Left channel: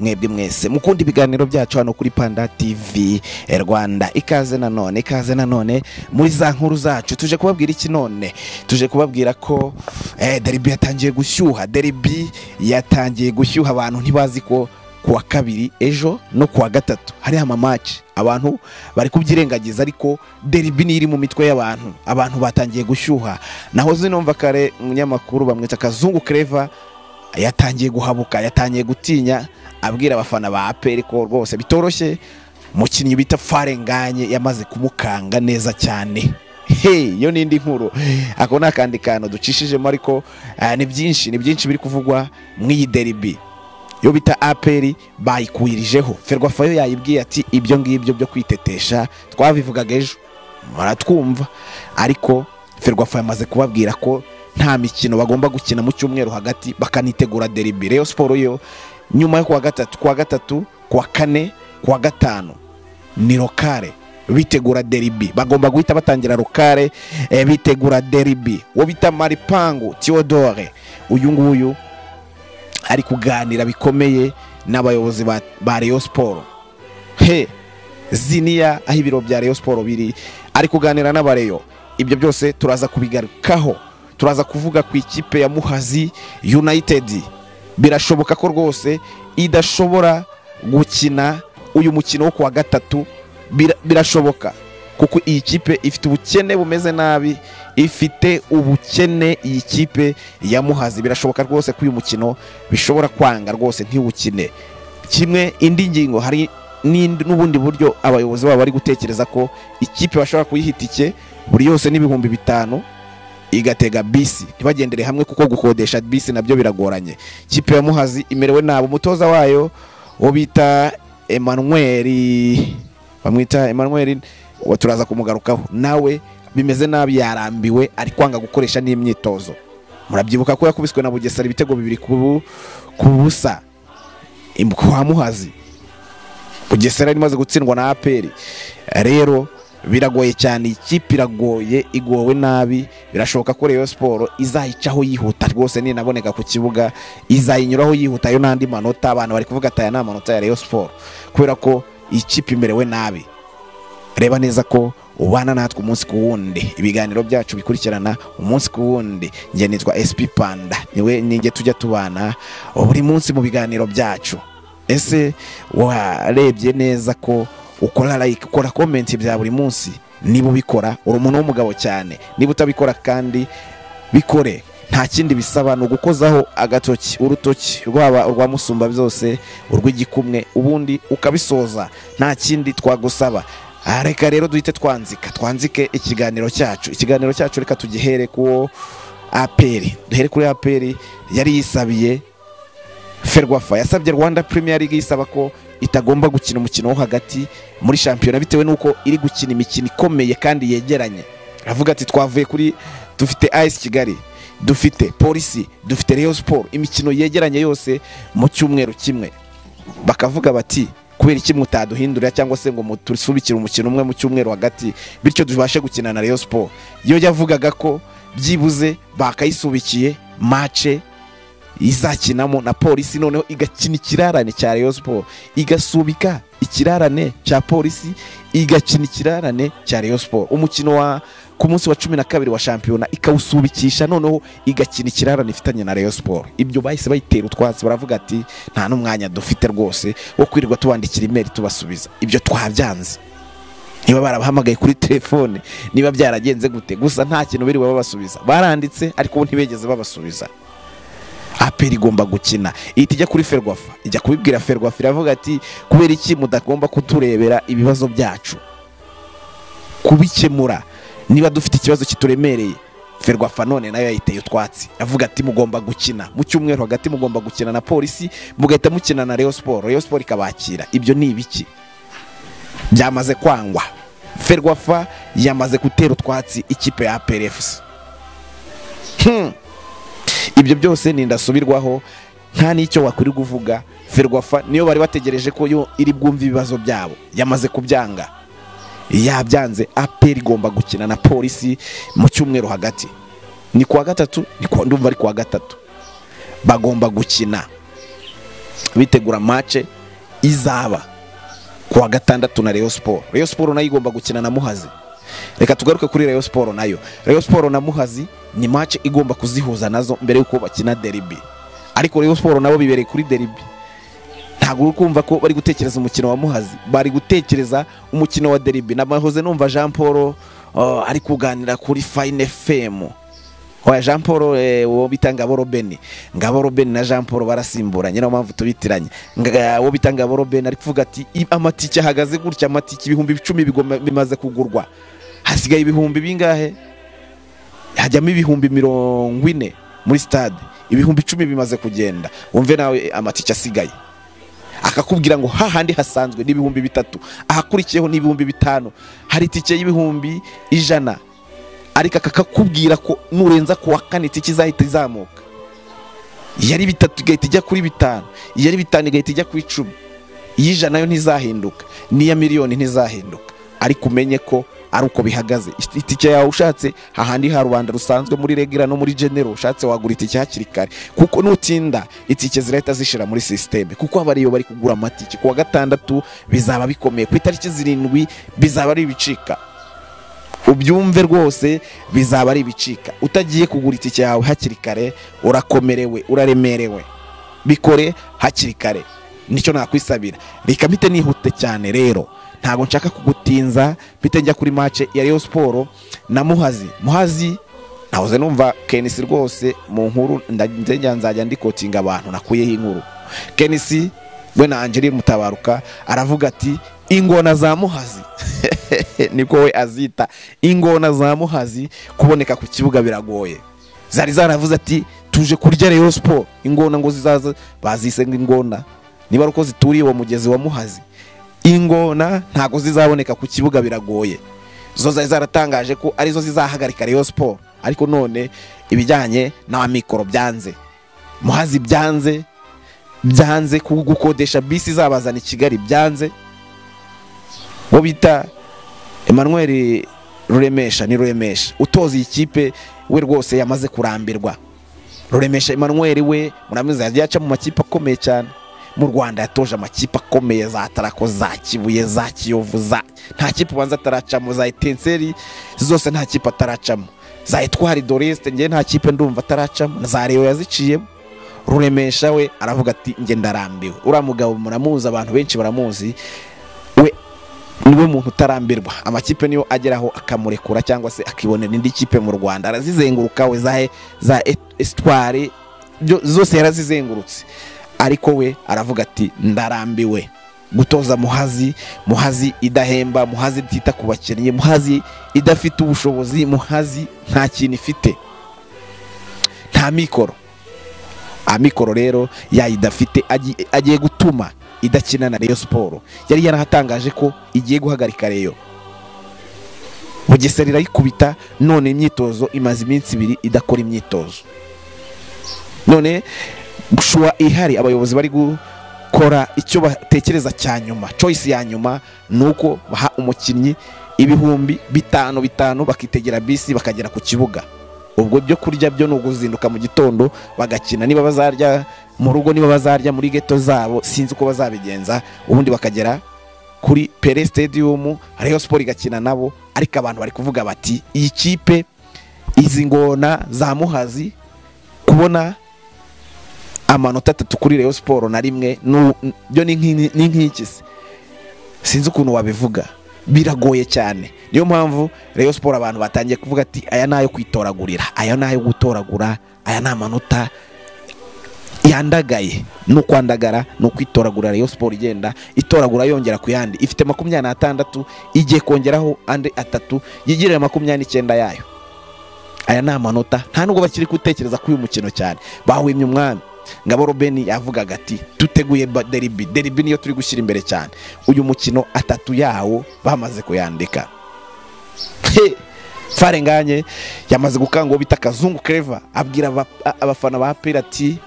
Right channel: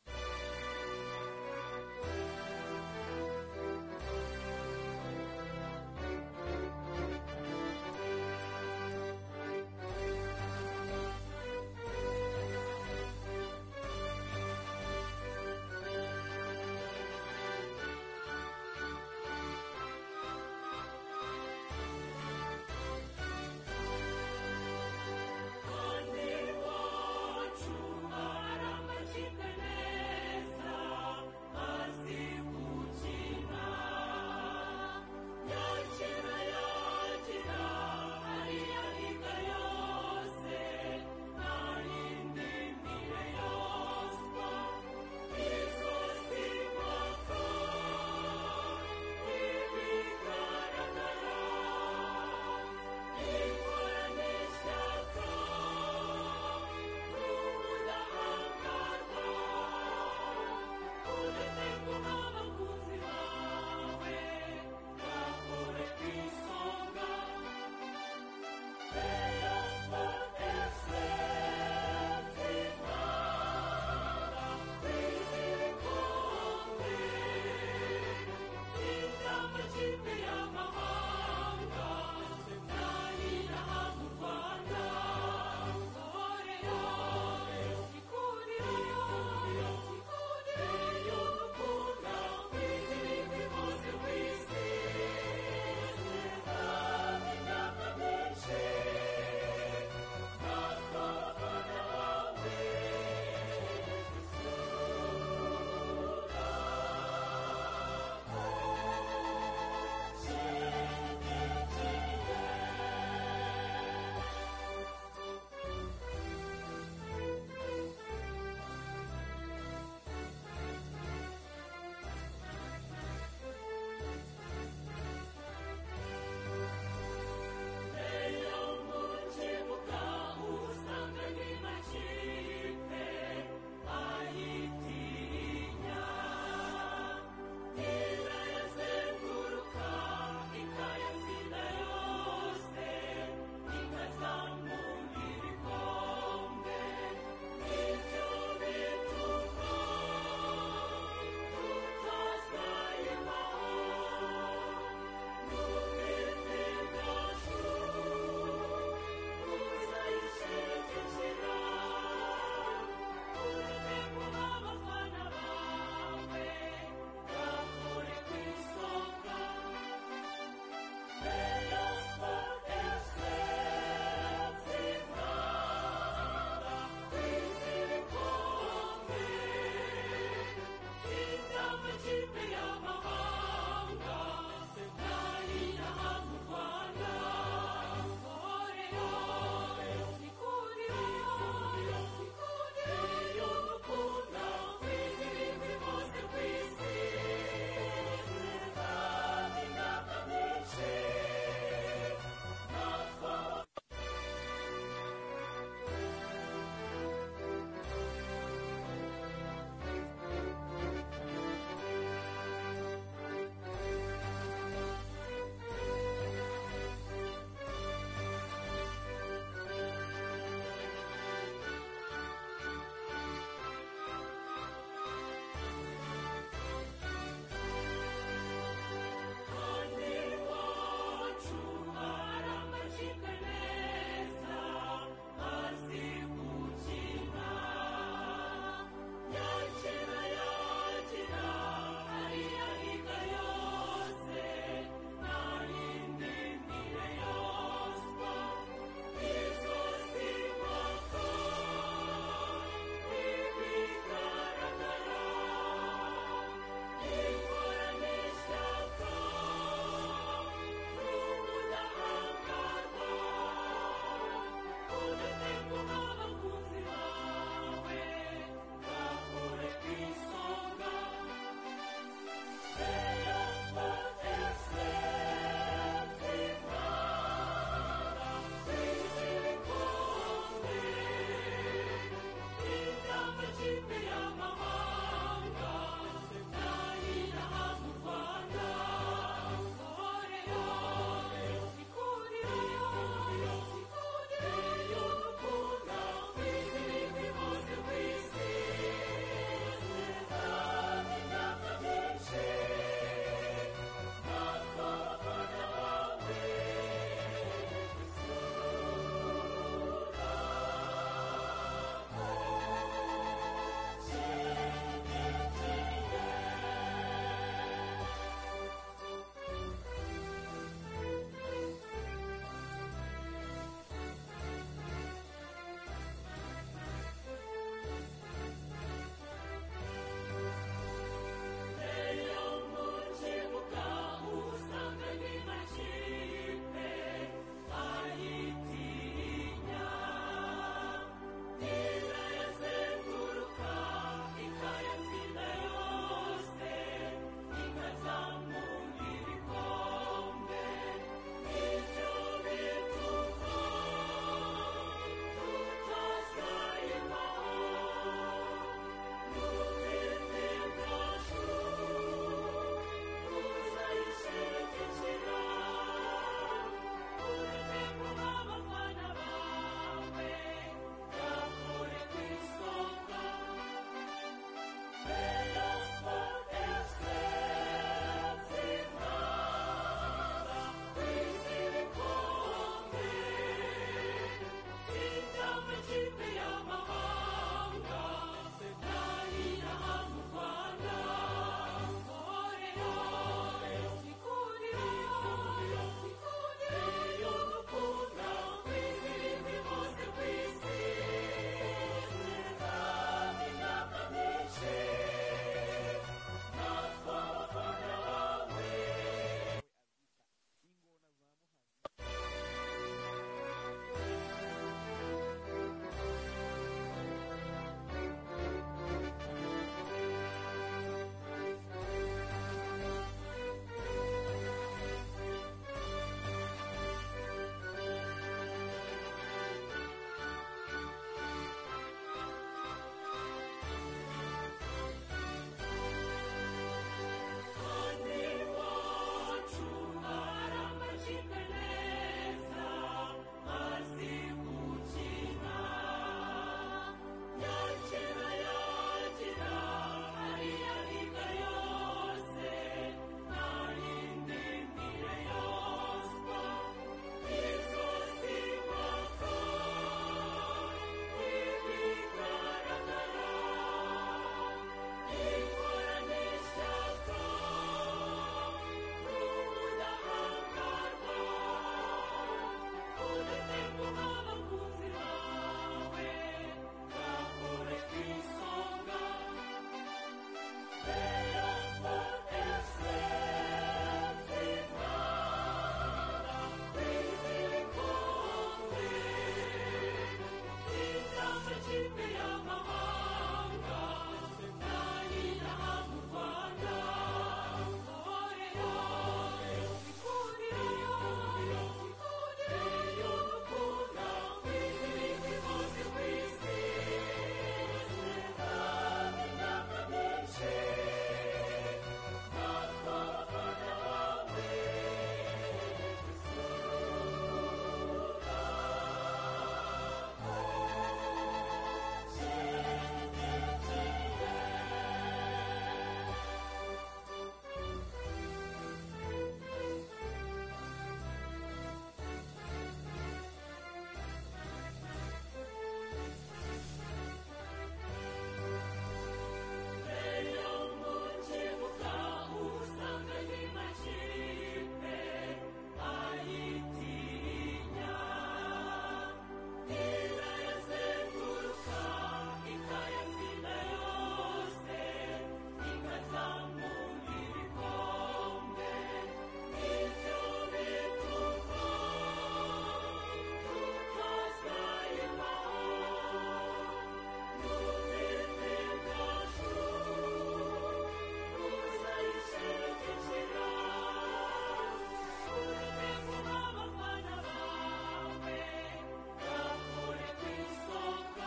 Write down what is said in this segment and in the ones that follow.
mwebwe mwese mukunda ibiganiro byacu hano kuri Panda TV Rwanda. Ikaze nanone muri za nkuru zacu. Tuje kubabwira iki none? Tuje kubabwira ko derby yatangiye gushyuha abantu ntibazi ko kuwa kabiri ejo no kuwa gatatu hari match abantu bari kubyirengagiza, ariko derby ni iri mu mitwe y'abantu. Abantu batangiye gushyuha. Naho zinomva kare umunyamakuru bamwita Kazungu Clever yatangiye guhabuka, yatangiye gutinya, abwira abafana ba APR ko rwose bitoroshye. Mukinnyi bita Farenganye yamaze kumukanga neza cyane. Yo nindi nkuru. Ako nakandi kantu ducishijemo, ariko ni byinshi biri kuvugwa mw'iyi derby. Yo bita APR bayikuyirijeho. Ferwafa yo yayibwiye ati ibyo ngibyo byo kwitetesha twabivugaga ejo maratwumva, ariko Ferwafa yamaze kubabwira ko nta mikino bagomba gukina mu cyumweru hagati, bakanitegura derby. Rayon Sport yo nyuma yo kuwa gatatu, kuwa kane, kuwa gatanu ni lokale bitegura derby. Bagomba guhita batangira lokale bitegura derby. Wo bita Maripangu Theodore, uyu nguyu ari kuganira bikomeye n'abayobozi ba Rayon Sport. Ziniya aho ibiro bya Rayon Sport biri, ari kuganira n'abareyo. Ibyo byose turaza kubigarukaho. Turaza kuvuga ku ikipe ya Muhazi United. Birashoboka ko rwose idashobora gukina uyu mukino wo kuwa gatatu. Birashoboka kuko iyi kipe ifite ubukene bumeze nabi, ifite ubukene. Iyi kipe ya Muhazi birashoboka rwose ko uyu mukino bishobora kwanga rwose ntiwukine. Kimwe indi ngingo, hari n'ubundi buryo abayobozi babo bari gutekereza ko ikipe bashobora kuyihitike buri yose n'ibihumbi 5 igatega bisi, ntibagendere hamwe kuko gukodesha bisi nabyo biragoranye. Kipe ya Muhazi imerewe nabo. Umutoza wayo wo bita Emmanuel, bamwita Emmanuel, turaza kumugarukaho. Nawe bimeze nabi, yarambiwe, ari kwanga gukoresha n'imyitozo. Murabyibuka ko yakubiswe na Bugesera ibitego 2 ku busa kwa Muhazi. Bugesera imaze gutsindwa na APR. Rero biragoye cyane, ikipe iragoye, igowe nabi. Birashoboka ko Rayon Sport izayicaho yihuta rwose, ni naboneka ku kibuga izayinyuraho yihuta. Yo nandi manota abantu bari kuvuga ati aya na manota ya Rayon Sport, kubera ko ikipe imerewe nabi. Reba neza ko ubana natwe umunsi ku wundi, ibiganiro byacu bikurikirana umunsi ku wundi. Nge nitwa SP Panda, niwe ninge tujya tubana buri munsi mu biganiro byacu. Ese warebye neza ko ukora like, ukora comment bya buri munsi? Niba ubikora uri umuntu w'umugabo cyane. Niba utabikora kandi bikore, nta kindi bisaba, no gukozaho agatoki, urutoki rwaba urwa musumba byose, urw'igikumwe, ubundi ukabisoza. Nta kindi twagusaba. Reka rero duhite twanzike ikiganiro cyacu. Reka tugihere ku APR. Duhere kuri APR. Yari yisabiye Ferwafa, yasabye Rwanda Premier League isaba ko itagomba gukina umukino wo hagati muri shampiyona bitewe nuko iri gukina imikino ikomeye kandi yegeranye. Avuga ati twavuye kuri, dufite AS Kigali, dufite Polisi, dufite Rayon Sport, imikino yegeranye yose mu cyumweru kimwe. Bakavuga bati kubera iki mutaduhindurira cyangwa se ngo mutusubikire umukino umwe mu cyumweru hagati bityo tubashe gukina na Rayon Sport. Yo yavugaga ko byibuze bakayisubikiye match izakinamo na Polisi, noneho igakina ikirarane cya Rayon Sport, igasubika ikirarane cya Polisi, igakina ikirarane cya Rayon Sport. Umukino wa ku munsi wa 12 wa shampiyona ikawusubikisha, noneho igakina ikirarane ifitanye na Rayon Sport. Ibyo bahise bayitera utwatsi, baravuga ati nta n'umwanya dufite rwose wo kwirirwa tubandikira email tubasubiza. Ibyo twabyanze. Niba barabahamagaye kuri telefone, niba byaragenze gute, gusa nta kintu biri babasubiza. Baranditse ariko ntibegeze babasubiza. APR igomba gukina. Itijya kuri Ferwafa, ijya kubibwira Ferwafa, iravuga ati kubera iki mudagomba kuturebera ibibazo byacu, kubikemura niba dufite ikibazo kituremereye. Ferwafa none nayo yayiteye utwatsi, avuga ati mugomba gukina mu cyumweru hagati, mugomba gukina na Polisi, mugahita mukina na Rayon Sport. Rayon Sport ikabakira. Ibyo ni ibiki? Byamaze kwangwa. Ferwafa yamaze gutera utwatsi ikipe ya APR FC. Ibyo byose nindasubirwaho, nta nicyo wakuri kuvuga. Ferwafa niyo bari bategereje ko yo iri bwumva ibibazo byabo, yamaze kubyanga. Yabyanze. APR igomba gukina na Polisi mu cyumweru hagati. Ni kuwa gatatu, ndumva ari kuwa gatatu bagomba gukina. bitegura match izaba kuwa gatandatu na Rayon Sport. Rayon Sport nayo igomba gukina na Muhazi. Reka tugaruke kuri Rayon Sport nayo. Rayon Sport na Muhazi ni match igomba kuzihuza nazo mbere yuko bakina derby. Ariko Rayon Sport nabo bibereye kuri derby. Ntabwo uri kumva ko bari gutekereza umukino wa Muhazi, bari gutekereza umukino wa derby. Namahoze numva Jean Paul ari kuganira kuri Fine FM. Oya Jean Paul wo bitanga Borobeni. Ngabo Robeni na Jean Paul barasimburanye no mpamvu tubitiranye. Wo bitanga Borobeni ari kuvuga ati amatike ahagaze gutya, amatike 10,000 bimaze kugurwa. Hasigaye ibihumbi bingahe? Hajyamo ibihumbi 40 muri stade. Ibihumbi 10 bimaze kugenda. Wumve nawe amatike asigaye. Akakubwira ngo hahandi hasanzwe n'ibihumbi 3, ahakurikiyeho n'ibihumbi 5, hari itike y'ibihumbi 100. Ariko akakubwira ko nurenza ku wa kane itike izahita izamuka. Yari 3 igahita ijya kuri 5, yari 5 igahita ijya kuri 10. Iy'ijana nayo ntizahinduka, n'iya miliyoni ntizahinduka. Ariko umenye ko ari uko bihagaze. Itike yawe ushatse hahandi ha rubanda rusanzwe muri Regira no muri General, ushatse wagura itike hakiri kare, kuko nutinda itike zirahita zishira muri systeme, kuko abariyo bari kugura amatike kuwa gatandatu bizaba bikomeye, ku itariki 7 bizaba ari ibicika. Ubyumve rwose bizaba ari ibicika. Utagiye kugura itike yawe hakiri kare urakomerewe, uraremerewe. Bikore hakiri kare, nicyo nakwisabira. Reka mpite nihute cyane rero, ntago nshaka kugutinza, mpite njya kuri match ya Rayon Sport na Muhazi. Muhazi nahoze numva Kenisi rwose mu nkuru nzajya ndikotinga abantu nakuyeho inkuru. Kenisi we na Angeli Mutabaruka aravuga ati ingona za Muhazi niko we azita, ingona za Muhazi kuboneka ku kibuga biragoye. Zari zaravuze ati tuje kurya Rayon Sport, ingona ngo zizaza, bazisenga ingona niba ruko zituriye uwo mugezi wa Muhazi. Ingona ntago zizaboneka ku kibuga biragoye. Zo zari zaratangaje ko arizo zizahagarika Rayon Sport, ariko none ibijyanye na mikoro byanze. Muhazi byanze kugukodesha bisi zabazana i Kigali byanze. Bo bita Emmanuel Ruremesha, ni Ruremesha utoza ikipe we rwose yamaze kurambirwa. Ruremesha Emmanuel we muramiza yaca mu makipe akomeye cyane mu Rwanda, yatoje amakipe akomeye za Tarako, za Kibuye, za Kiyovu, nta kipe banza ataracamo, za Etenseri zose nta kipe ataracamo, za Etwari Doreste nge nta kipe ndumva ataracamo, za Rayon yaziciyemo. Ruremesha we aravuga ati nge ndarambiwe. Ura mugabo muramuzi, abantu benshi baramuzi, we niwe muntu utarambirwa. Amakipe niyo ageraho akamurekura cyangwa se akibonera indi kipe mu Rwanda, arazizenguruka we za Espoir zose yarazizengurutse. Ariko we aravuga ati ndarambiwe gutoza Muhazi idahemba, Muhazi itita ku bakinnyi, Muhazi idafite ubushobozi, Muhazi nta kintu ifite, nta mikoro. Amikoro rero yayidafite agiye gutuma idakina na Rayon Sport. Yari yarahatangaje ko igiye guhagarika Rayon. Bugesera irayikubita, none imyitozo imaze iminsi 2 idakora imyitozo. None gushwa ihari, abayobozi bari gukora icyo batekereza cyanyuma, choice ya nyuma nuko baha umukinnyi ibihumbi 5 bakitegera bisi bakagera ku kibuga. Ubwo byo kurya byo no guzinduka mu gitondo bagakina, niba bazarya mu rugo, niba bazarya muri ghetto zabo, sinzi uko bazabigenza. Ubundi bakagera kuri Pele Stadium, Rayon Sport igakina nabo. Ariko abantu bari kuvuga bati iyi kipe, izi ngona za Muhazi kubona amanota 3 kuri Rayon Sport na rimwe byo ni nk'ikisi, sinzi ukuntu wabivuga, biragoye cyane. Niyo mpamvu Rayon Sport abantu batangiye kuvuga ati aya nayo kwitoragurira, aya nayo gutoragura, aya na manota yandagaye. No kwandagara no kwitoragura. Rayon Sport igenda itoragura yongera ku yandi, ifite 26 igiye kongeraho ande 3 yigirira 29 yayo. Aya na manota nta nubwo bakiri gutekereza kuri uyu mukino cyane, bahwimye umwana. Ngabo Robeni yavugaga ati tuteguye derby niyo turi gushyira imbere cyane. Uyu mukino 3 yawo bamaze kuyandika. Farenganye yamaze gukanga bita Kazungu Clever, abwira abafana ba Pele ati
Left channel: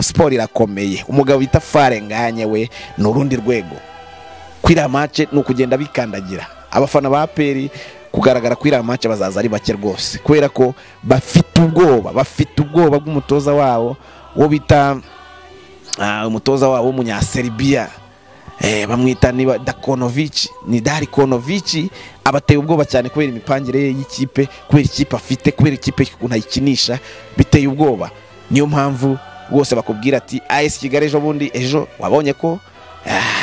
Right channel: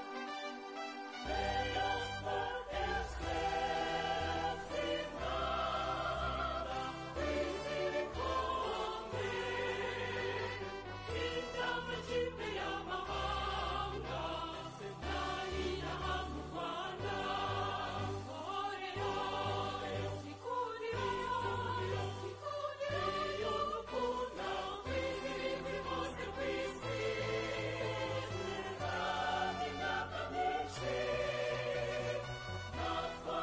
Sport irakomeye. Umugabo bita Farenganye we n'urundi rwego. Kwira match no kugenda bikandagira. Abafana ba Pele kugaragara kwira match bazaza ari bake rwose, kubera ko bafite ubwoba bw'umutoza wabo wo bita umutoza wabo w'umunyaserbia bamwita niba Dakonovic, ni Darikonovic, abateye ubwoba cyane kubera imipangire ye y'ikipe, kubera ikipe afite, kubera ikipe unayikinisha biteye ubwoba. Niyo mpamvu rwose bakubwira ati AS Kigali ejo wabonye ko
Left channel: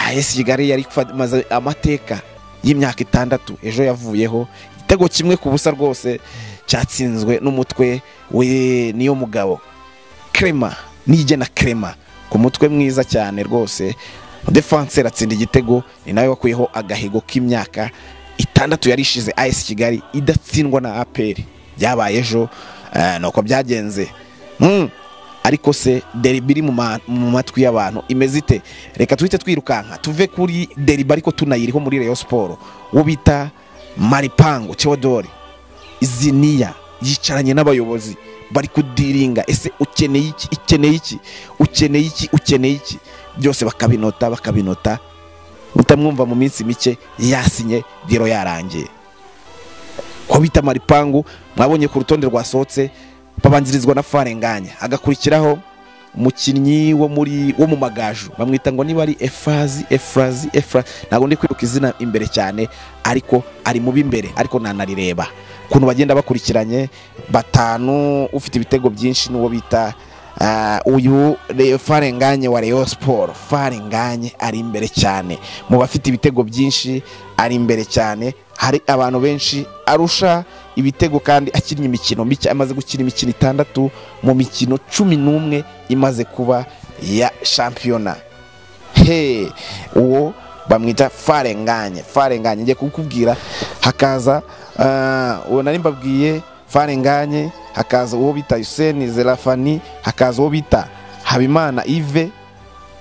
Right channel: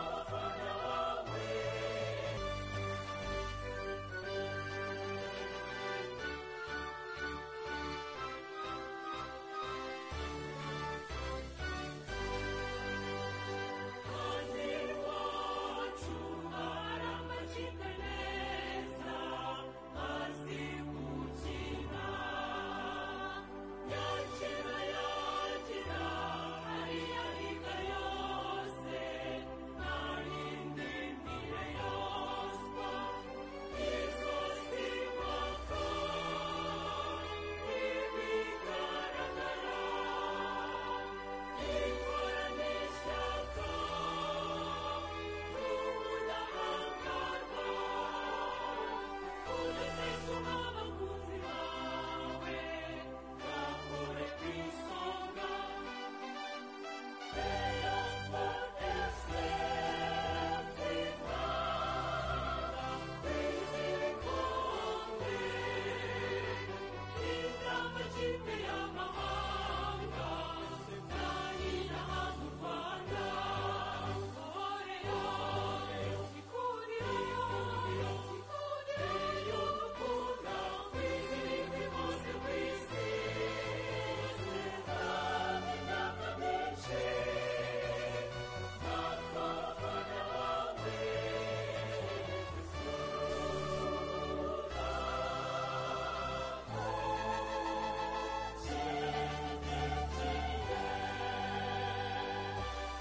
AS Kigali yari maze amateka y'imyaka 6 ejo yavuyeho igitego kimwe ku busa rwose cyatsinzwe n'umutwe we niyo mugabo Crema, Nigena Crema ku mutwe mwiza cyane rwose. Defense ratsinda igitego, ni nawe wakuyeho agahigo k'imyaka 6 yarishize AS Kigali idatsindwa na APR. Byabaye ejo nuko byagenze. Ariko se derby mu matwi y'abantu imeze ite? Reka tuhite twirukanka tuve kuri derby ariko tunayiriho muri Rayon Sport. Wo bita Maripango Theodore Iziniya yicaranye n'abayobozi bari kudiringa, ese ukeneye iki byose bakabinota utamwumva mu minsi mike yasinye diro yarangiye. Ko bita Maripango mwabonye ku rutonde rwasohotse babangirizwa na Farenganya, agakurikiraho umukinnyi wo mu Magaju bamwita ngo niba ari Efrazi ntago ndi kwibuka izina imbere cyane, ariko ari mu b'imbere, ariko nanarireba kuntu bagenda bakurikiranye. 5 ufite ibitego byinshi n'uwo bita uyu Farenganye wa Rayon Sport. Farenganye ari imbere cyane mu bafite ibitego byinshi, ari imbere cyane. Hari abantu benshi arusha ibitego kandi akinnye imikino mike, amaze gukina imikino 6 mu mikino 11 imaze kuba ya shampiyona. Uwo bamwita Farenganye ngiye kukubwira. Hakaza uwo nari mbabwiye Farenganye, hakaza uwo bita Hussein Zerafani, hakaza uwo bita Habimana Yves.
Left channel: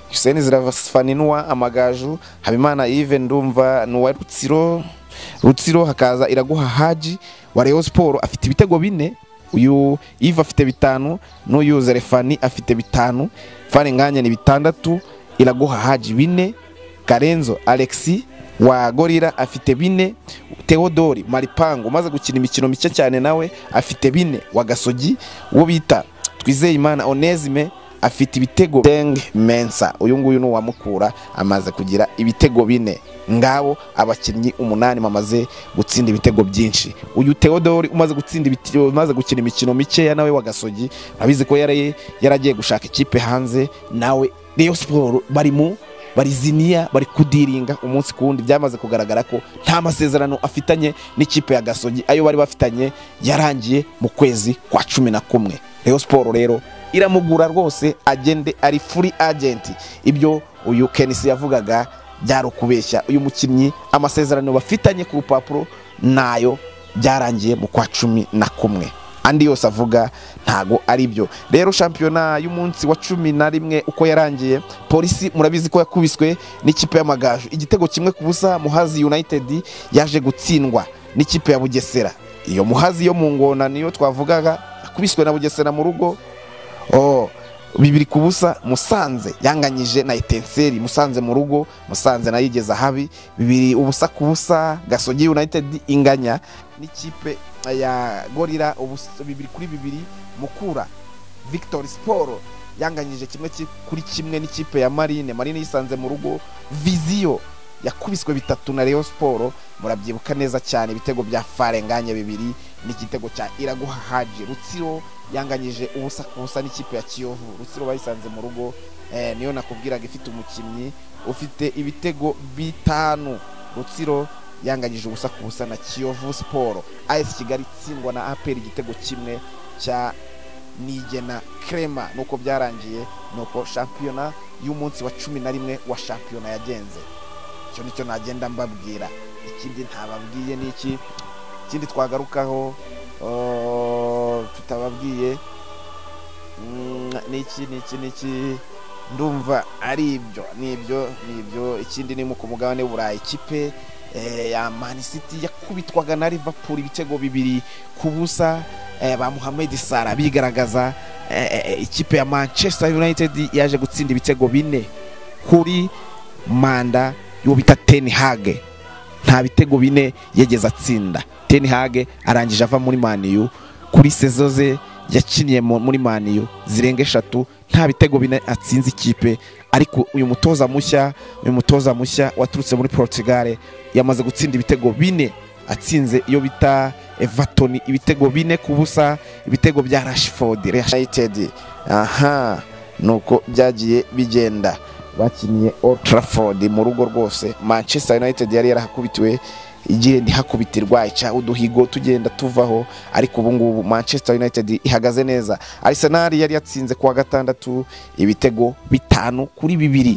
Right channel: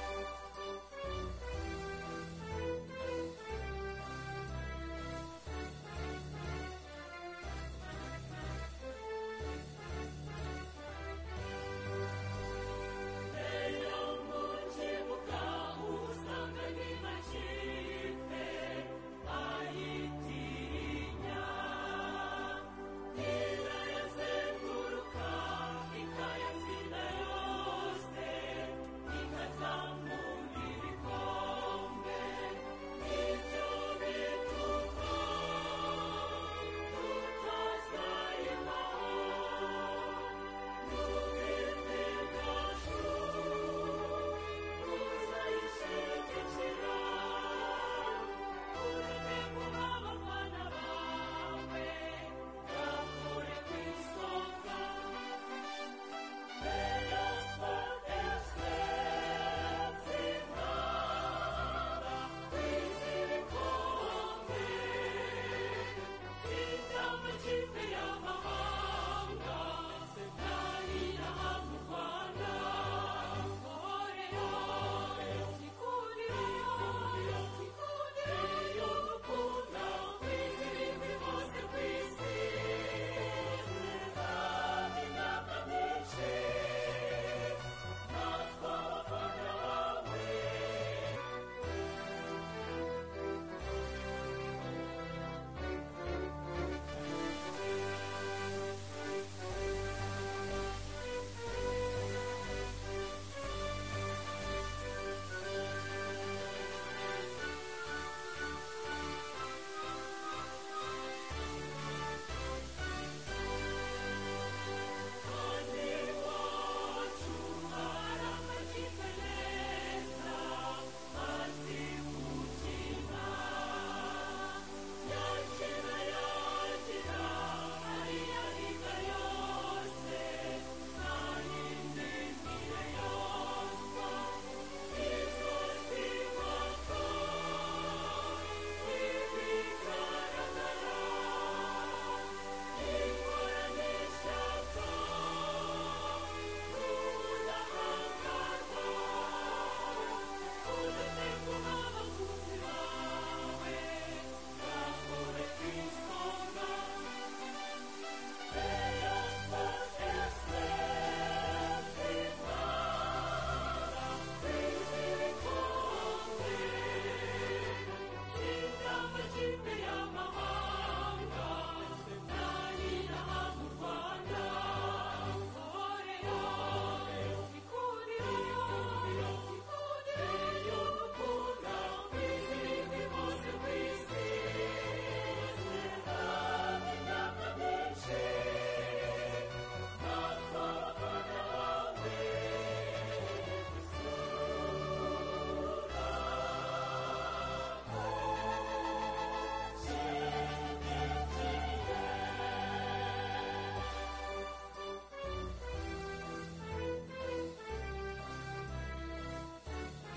Hussein Zerafani nuwa Amagaju, Habimana Yves ndumva nuwa Rutsiro, hakaza Iraguha Haji wa Rayon Sport afite ibitego 4, uyu Yves afite 5, n'uyu Zerafani afite 5, Farenganye ni 6, Iraguha Haji 4, Karenzo Alexi wa Gorira afite 4, Theodore Maripango maze gukina imikino mike cyane nawe afite 4 wa Gasogi. Uwo bita Twizeyimana Onesime afite ibitego Deng Mensa, uyu nguyu no wamukura amaze kugira ibitego 4. Ngabo abakinnyi 8 bamaze gutsinda ibitego byinshi. Uyu Theodore umaze gukina imikino mike ya nawe wa Gasogi, abizi ko yaragiye gushaka ikipe hanze, nawe Rayon Sport bariziniya bari kudiringa umunsi kundi. Byamaze kugaragara ko nta masezerano afitanye n'ikipe ya Gasogi, ayo bari bafitanye yarangiye mu kwezi kwa 11. Rayon Sport rero iramugura rwose, agende ari free agent. Ibyo uyu Kenisi yavugaga byaro kubeshya. Uyu mukinnyi amasezerano bafitanye ku rupapuro nayo byarangiye mu kwa 11. Andi yose avuga ntago ari byo. Rero shampiyona y'umunsi wa 11 uko yarangiye, Polisi murabizi ko yakubiswe n'ikipe y'Amagaju igitego kimwe ku busa. Muhazi United yaje gutsindwa n'ikipe ya Bugesera. Iyo Muhazi yo mu ngona niyo twavugaga akubiswe na Bugesera mu rugo 2 ku busa. Musanze yanganyije na Etenseri, Musanze mu rugo, Musanze nayigeza habi 2 ubusa ku busa. Gasogi United inganya n'ikipe ya Gorira 2-2. Mukura Victory Sport yanganyije 1-1 n'ikipe ya Marine yisanze mu rugo. Visio yakubiswe 3 na Rayon Sport, murabyibuka neza cyane. Ibitego bya Farenganye 2 n'igitego cya Iraguha Haji. Rutsiro yanganyije ubusa ku busa n'ikipe ya Kiyovu. Rutsiro bayisanze mu rugo, niyo nakubwiraga ifite umukinnyi ufite ibitego 5. Rutsiro yanganyije ubusa ku busa na Kiyovu Sport. AS Kigali tsindwa na APR igitego 1 cya Nigena Crema. Nuko byarangiye, nuko shampiyona y'umunsi wa 11 wa shampiyona yagenze. Cyo nicyo nagenda mbabwira. Ikindi ntababwiye niki, ikindi twagarukaho tutababwiye niki ndumva ari ibyo. Ikindi ni mu kumugabane w'Uburayi, ikipe ya Man City yakubitwaga na Liverpool ibitego 2 ku busa. Ba Mohamed Salah bigaragaza. Ikipe ya Manchester United yaje gutsinda ibitego 4 kuri manda yo bita Ten Hag. Nta bitego 4 yegeze atsinda. Ten Hag arangije ava muri Man U kuri sezoze yakiniye muri Man U zirenga 3 nta bitego bine atsinze ikipe, ariko uyu mutoza mushya waturutse muri Portugal yamaze gutsinda ibitego bine, atsinze iyo bita Everton ibitego 4-0, ibitego bya Rashford United. Nuko byagiye bigenda, bakiniye Old Trafford mu rugo rwose. Manchester United yari yarahakubitiwe, igihe ndihakubitirwa ica uduhigo tugenda tuvaho, ariko ubu ngubu Manchester United ihagaze neza. Arsenal yari yatsinze kuwa gatandatu ibitego 5-2,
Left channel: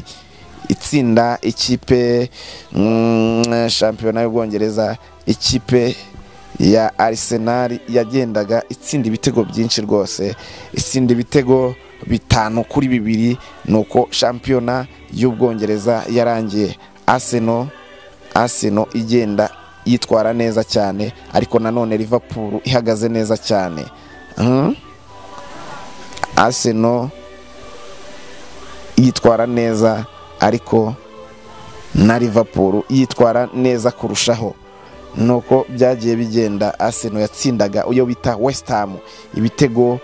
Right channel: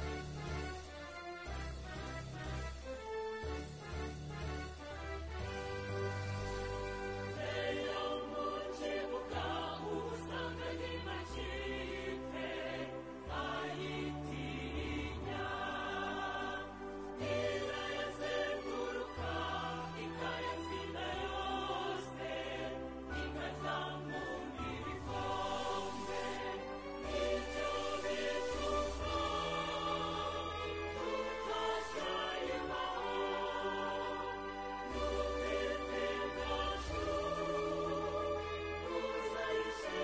itsinda ikipe shampiyona y'Ubwongereza. Ikipe ya Arsenal yagendaga itsinda ibitego byinshi rwose, itsinda ibitego 5-2, nuko shampiyona y'Ubwongereza yarangiye. Arsenal igenda yitwara neza cyane, ariko nanone Liverpool ihagaze neza cyane. Arsenal yitwara neza, ariko na Liverpool yitwara neza kurushaho. Nuko byagiye bigenda. Arsenal yatsindaga uyo bita West Ham ibitego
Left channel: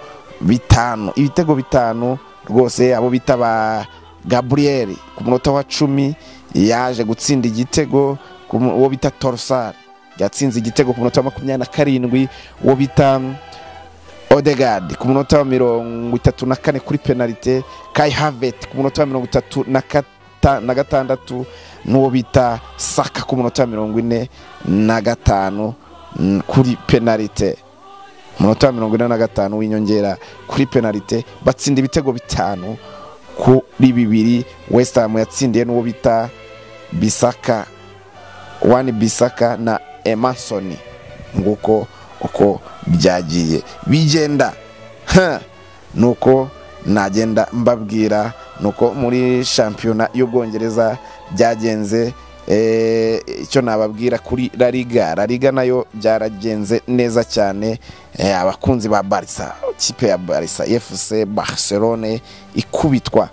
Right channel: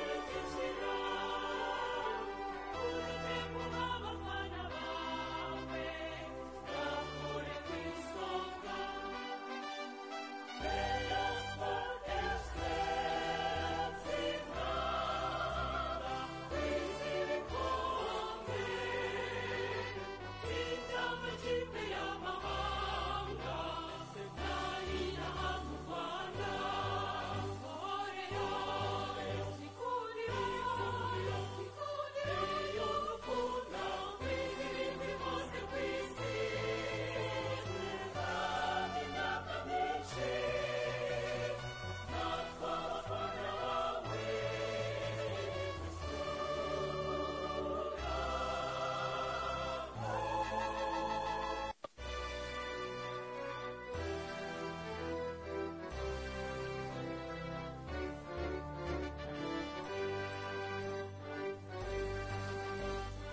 5 rwose. Abo bita ba Gabriel ku munota wa 10 yaje gutsinda igitego, uwo bita Trossard yatsinze igitego ku munota wa 27, uwo bita Odegaard ku munota wa 34 kuri penalty, Kai Havertz ku munota wa 36, n'uwo bita Saka ku munota wa 45 kuri penalty, munota wa 45 w'inyongera kuri penalty. Batsinda ibitego 5-2. West Ham yatsindiye n'uwo bita Bissaka na Emerson. Nguko uko byagiye bigenda. Nuko nagenda mbabwira, nuko muri shampiyona y'Ubwongereza byagenze. Icyo nababwira kuri La Liga nayo byaragenze neza cyane. Abakunzi ba Barca, ikipe ya Barca FC Barcelone ikubitwa.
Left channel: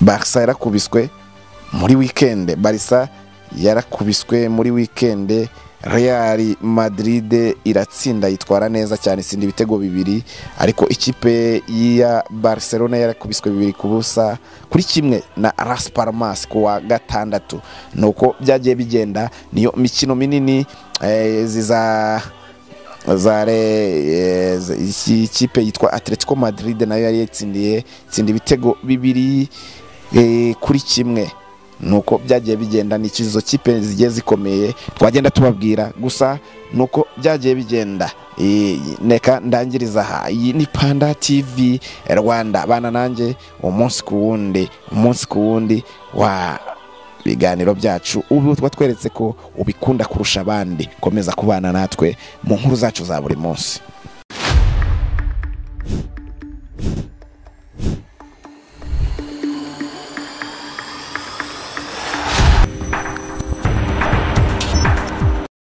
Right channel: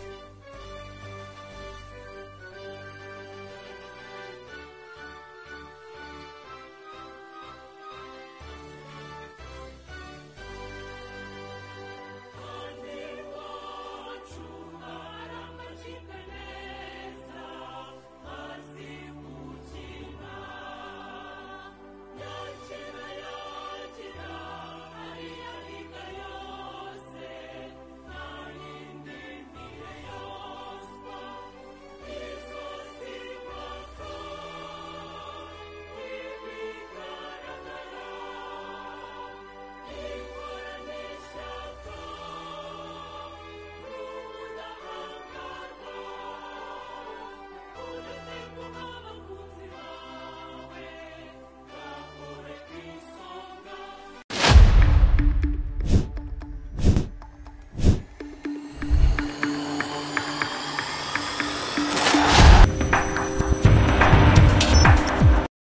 Barca yarakubiswe muri weekend, Barca yarakubiswe muri weekend. Real Madrid iratsinda yitwara neza cyane, itsinda ibitego 2, ariko ikipe ya Barcelona yarakubiswe 2-1 na Las Palmas kuwa gatandatu. Nuko byagiye bigenda. Niyo mikino minini ikipe yitwa Atletico Madrid nayo yari yatsindiye ibitego 2-1. Nuko byagiye bigenda. Ni ikizo kipe zigiye zikomeye twagenda tubabwira, gusa nuko byagiye bigenda. Neka ndangiriza aha. Iyi ni Panda TV Rwanda, bana nanjye umunsi ku wundi wa biganiro byacu. Ubu twatweretse ko ubikunda kurusha abandi. Komeza kubana natwe mu nkuru zacu za buri munsi.